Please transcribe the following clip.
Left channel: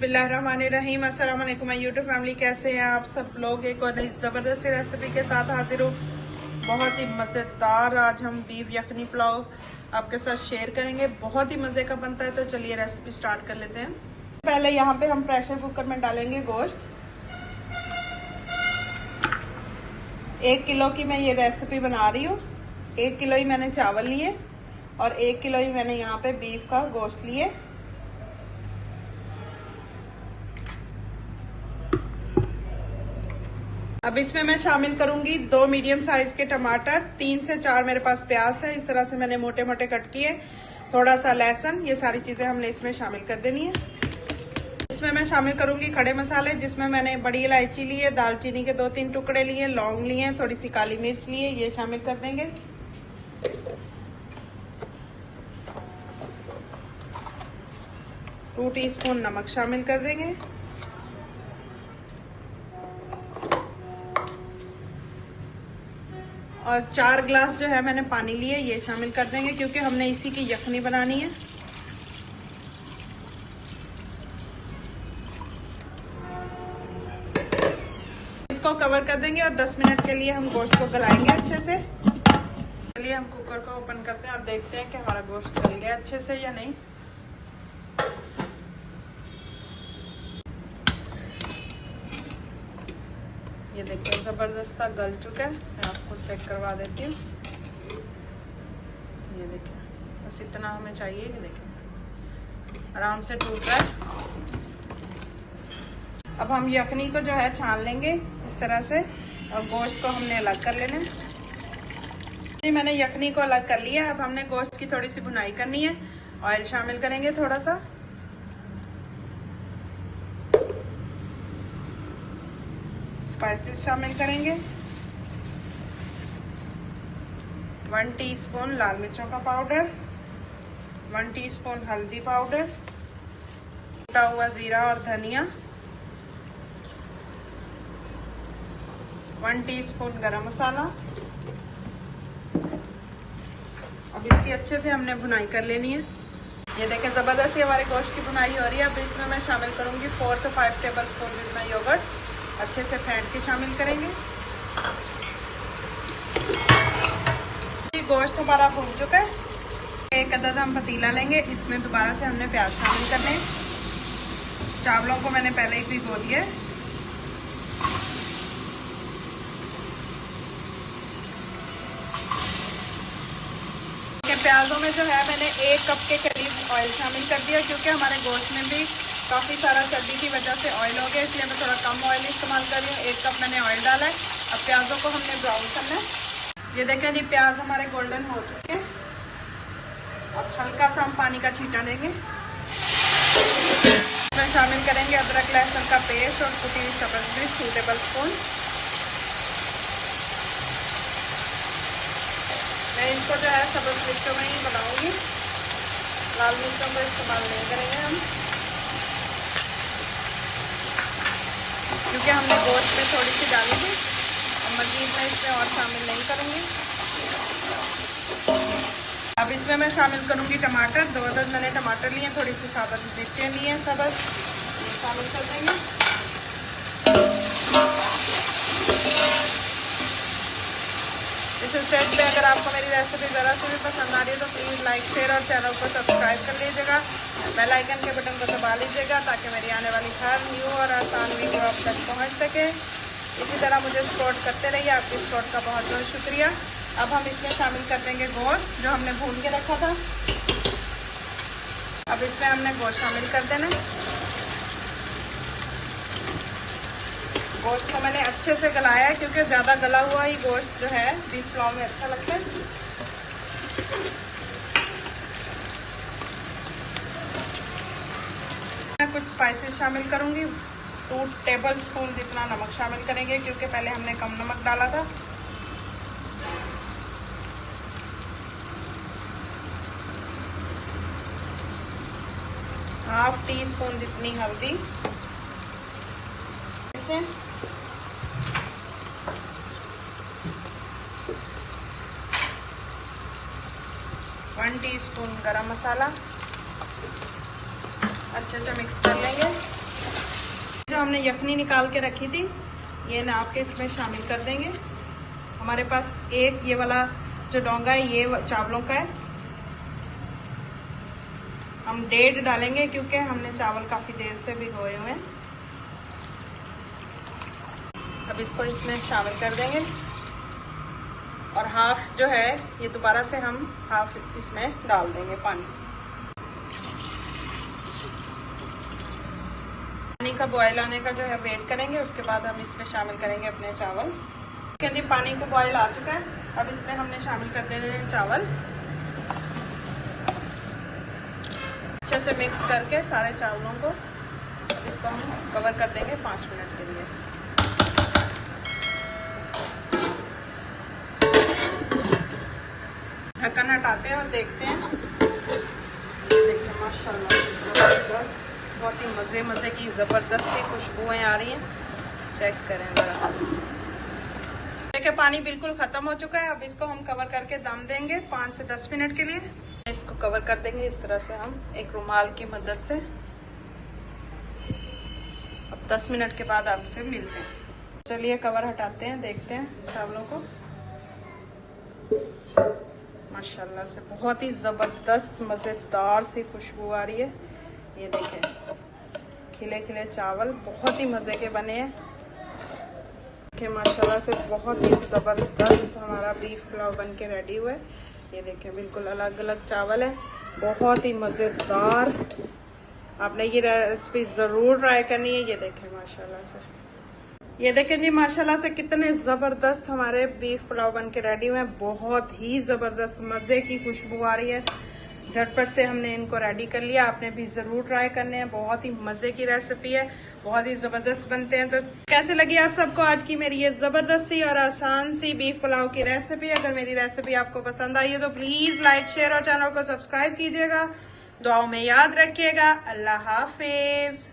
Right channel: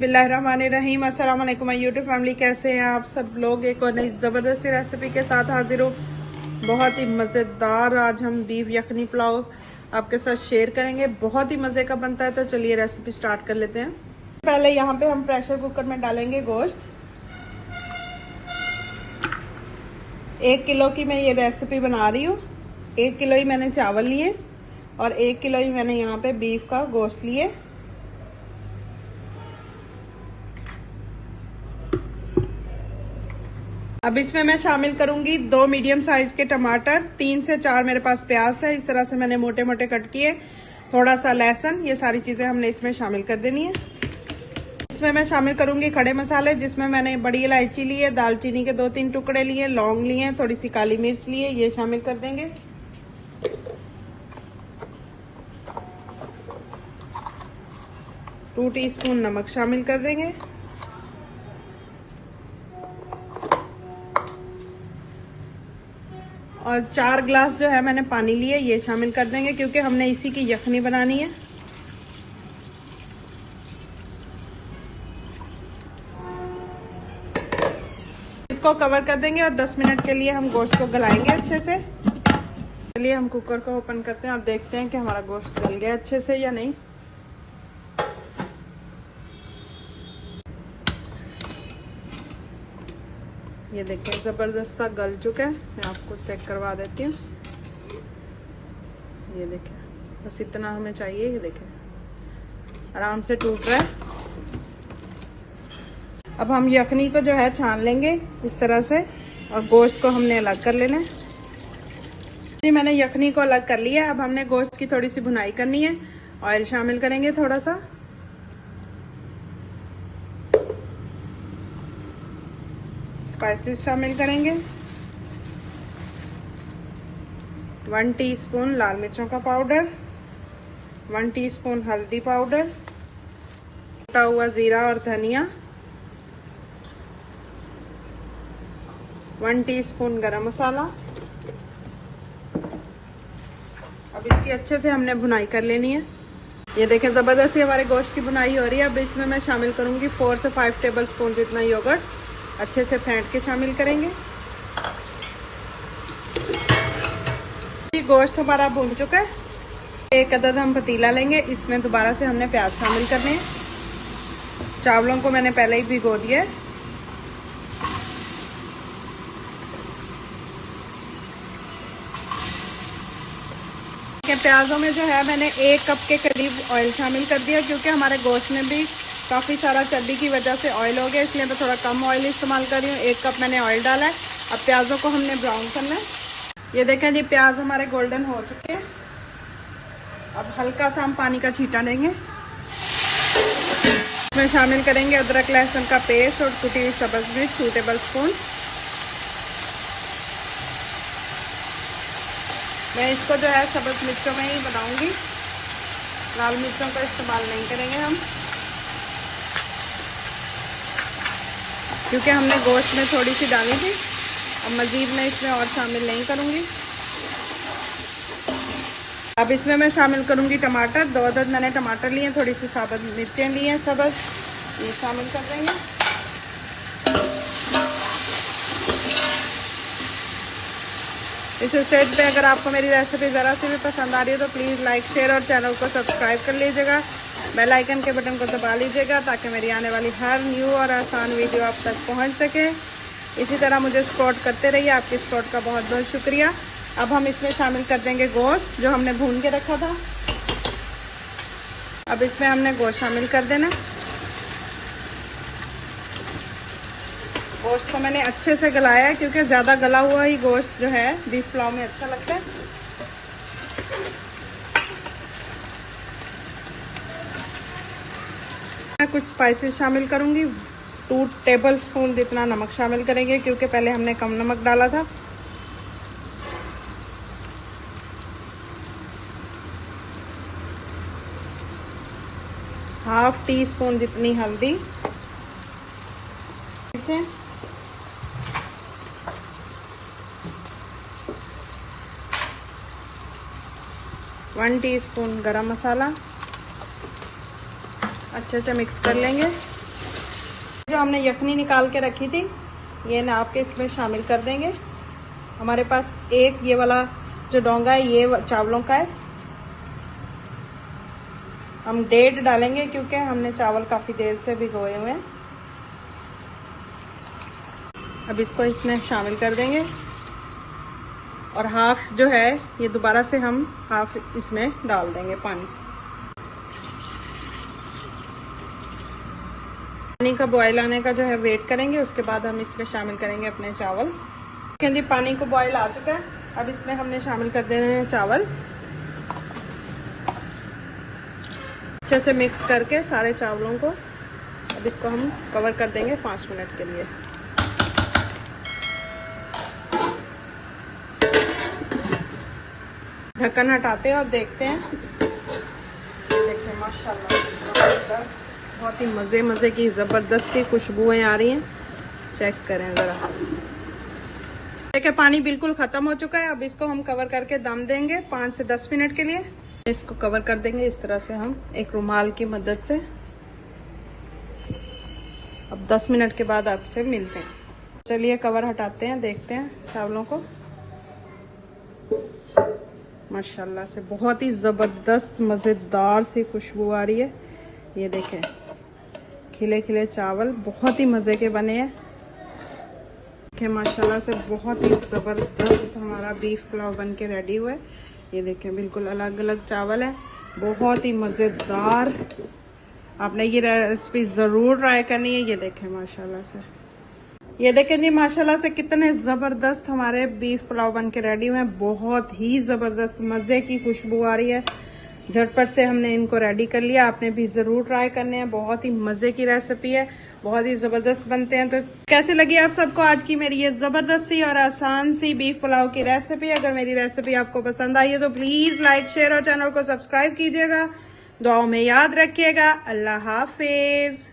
बिस्मिल्लाहिर्रहमानिर्रहीम। अस्सलाम वालेकुम माय यूट्यूब फैमिली, कैसे हैं आप सब लोग। एक और नई ज़बरदस्त रेसिपी के साथ हाजिर हूँ। बहुत ही मज़ेदार आज हम बीफ यखनी पुलाव आपके साथ शेयर करेंगे। बहुत ही मज़े का बनता है। तो चलिए रेसिपी स्टार्ट कर लेते हैं। पहले यहाँ पे हम प्रेशर कुकर में डालेंगे गोश्त। 1 किलो की मैं ये रेसिपी बना रही हूँ। 1 किलो ही मैंने चावल लिए और 1 किलो ही मैंने यहाँ पे बीफ का गोश्त लिए। अब इसमें मैं शामिल करूंगी 2 मीडियम साइज के टमाटर, 3 से 4 मेरे पास प्याज था, इस तरह से मैंने मोटे मोटे कट किए, थोड़ा सा लहसुन। ये सारी चीजें हमने इसमें शामिल कर देनी है। इसमें मैं शामिल करूंगी खड़े मसाले, जिसमें मैंने बड़ी इलायची ली है, दालचीनी के 2-3 टुकड़े लिए, लौंग लिए, थोड़ी सी काली मिर्च लिए, ये शामिल कर देंगे। 2 टीस्पून नमक शामिल कर देंगे और 4 ग्लास जो है मैंने पानी लिए, ये शामिल कर देंगे क्योंकि हमने इसी की यखनी बनानी है। इसको कवर कर देंगे और 10 मिनट के लिए हम गोश्त को गलाएंगे अच्छे से। चलिए हम कुकर को ओपन करते हैं और देखते हैं कि हमारा गोश्त गल गया अच्छे से या नहीं। ये देखिए जबरदस्त गल चुका है। मैं आपको चेक करवा देती हूँ। ये देखिए बस इतना हमें चाहिए। ये देखिए आराम से टूट रहा है। अब हम यखनी को जो है छान लेंगे इस तरह से और गोश्त को हमने अलग कर लेना है। जी मैंने यखनी को अलग कर लिया। अब हमने गोश्त की थोड़ी सी भुनाई करनी है। ऑयल शामिल करेंगे थोड़ा सा, स्पाइसेस शामिल करेंगे, 1 टीस्पून लाल मिर्चों का पाउडर, 1 टीस्पून हल्दी पाउडर, कटा हुआ जीरा और धनिया, 1 टीस्पून गरम मसाला। अब इसकी अच्छे से हमने भुनाई कर लेनी है। ये देखें जबरदस्ती हमारे गोश्त की भुनाई हो रही है। अब इसमें मैं शामिल करूंगी 4 से 5 टेबल स्पून जितना योगर्ट। अच्छे से फेंट के शामिल करेंगे। गोश्त हमारा भून चुका है। एक अदद हम पतीला लेंगे, इसमें दोबारा से हमने प्याज शामिल करने हैं। चावलों को मैंने पहले ही भिगो दिया है। प्याजों में जो है मैंने 1 कप के करीब ऑयल शामिल कर दिया क्योंकि हमारे गोश्त में भी काफ़ी सारा चर्बी की वजह से ऑयल हो गया, इसलिए मैं थोड़ा कम ऑयल इस्तेमाल कर रही हूँ। 1 कप मैंने ऑयल डाला है। अब प्याजों को हमने ब्राउन करना है। ये देखें जी प्याज हमारे गोल्डन हो चुके हैं। अब हल्का सा हम पानी का छींटा देंगे। इसमें शामिल करेंगे अदरक लहसुन का पेस्ट और कुटी हुई सब्ज़ मिर्च 2 टेबल स्पून। मैं इसको जो है सब्ज़ मिर्चों में ही बनाऊंगी, लाल मिर्चों का इस्तेमाल नहीं करेंगे हम क्योंकि हमने गोश्त में थोड़ी सी डाली थी। अब मजीद में इसमें और शामिल नहीं करूंगी। अब इसमें मैं शामिल करूंगी टमाटर। 2 अदद मैंने टमाटर लिए, थोड़ी सी साबुत मिर्चें ली हैं सब्ज़, ये शामिल कर देंगे। इस स्टेज पे अगर आपको मेरी रेसिपी ज़रा सी भी पसंद आ रही है तो प्लीज़ लाइक शेयर और चैनल को सब्सक्राइब कर लीजिएगा। बेल आइकन के बटन को दबा लीजिएगा ताकि मेरी आने वाली हर न्यू और आसान वीडियो आप तक पहुंच सके। इसी तरह मुझे सपोर्ट करते रहिए। आपके सपोर्ट का बहुत बहुत शुक्रिया। अब हम इसमें शामिल कर देंगे गोश्त जो हमने भून के रखा था। अब इसमें हमने गोश्त शामिल कर देना। गोश्त को मैंने अच्छे से गलाया है क्योंकि ज़्यादा गला हुआ ही गोश्त जो है बीफ पुलाव में अच्छा लगता है। मैं कुछ स्पाइसेस शामिल करूंगी। 2 टेबल स्पून जितना नमक शामिल करेंगे क्योंकि पहले हमने कम नमक डाला था। ½ टीस्पून जितनी हल्दी, 1 टीस्पून गरम मसाला। अच्छे से मिक्स कर लेंगे। जो हमने यखनी निकाल के रखी थी ये नाप के इसमें शामिल कर देंगे। हमारे पास एक ये वाला जो डोंगा है ये चावलों का है। हम 1.5 डालेंगे क्योंकि हमने चावल काफी देर से भिगोए हुए हैं। अब इसको इसमें शामिल कर देंगे और हाफ जो है ये दोबारा से हम हाफ इसमें डाल देंगे पानी। पानी का बॉयल आने का जो है वेट करेंगे, उसके बाद हम इसमें शामिल करेंगे अपने चावल। जी पानी को बॉयल आ चुका है, अब इसमें हमने शामिल कर देने हैं चावल। अच्छे से मिक्स करके सारे चावलों को इसको हम कवर कर देंगे 5 मिनट के लिए। ढक्कन हटाते हैं और देखते हैं। देखिए माशाल्लाह जबरदस्त, बहुत ही मजे की जबरदस्त सी खुशबुएं आ रही हैं। चेक करें जरा। देखिए पानी बिल्कुल खत्म हो चुका है। अब इसको हम कवर करके दम देंगे 5 से 10 मिनट के लिए। इसको कवर कर देंगे इस तरह से हम एक रुमाल की मदद से। अब 10 मिनट के बाद आपसे मिलते हैं। चलिए कवर हटाते हैं, देखते हैं चावलों को। माशाल्लाह से बहुत ही जबरदस्त मजेदार सी खुशबू आ रही है। ये देखें खिले खिले चावल बहुत ही मजे के बने हैं। देखिए माशाल्लाह से बहुत ही जबरदस्त हमारा बीफ पुलाव बन के रेडी हुआ है। ये देखें बिल्कुल अलग अलग चावल है, बहुत ही मजेदार। आपने ये रेसिपी जरूर ट्राई करनी है। ये देखें माशाल्लाह से, ये देखें जी माशाल्लाह से कितने जबरदस्त हमारे बीफ पुलाव बन के रेडी हुए हैं। बहुत ही जबरदस्त मजे की खुशबू आ रही है। झटपट से हमने इनको रेडी कर लिया। आपने भी जरूर ट्राई करने हैं, बहुत ही मजे की रेसिपी है, बहुत ही जबरदस्त बनते हैं। तो कैसे लगी आप सबको आज की मेरी ये जबरदस्त सी और आसान सी बीफ पुलाव की रेसिपी? अगर मेरी रेसिपी आपको पसंद आई है तो प्लीज लाइक शेयर और चैनल को सब्सक्राइब कीजिएगा। दुआओं में याद रखिएगा। अल्लाह हाफिज।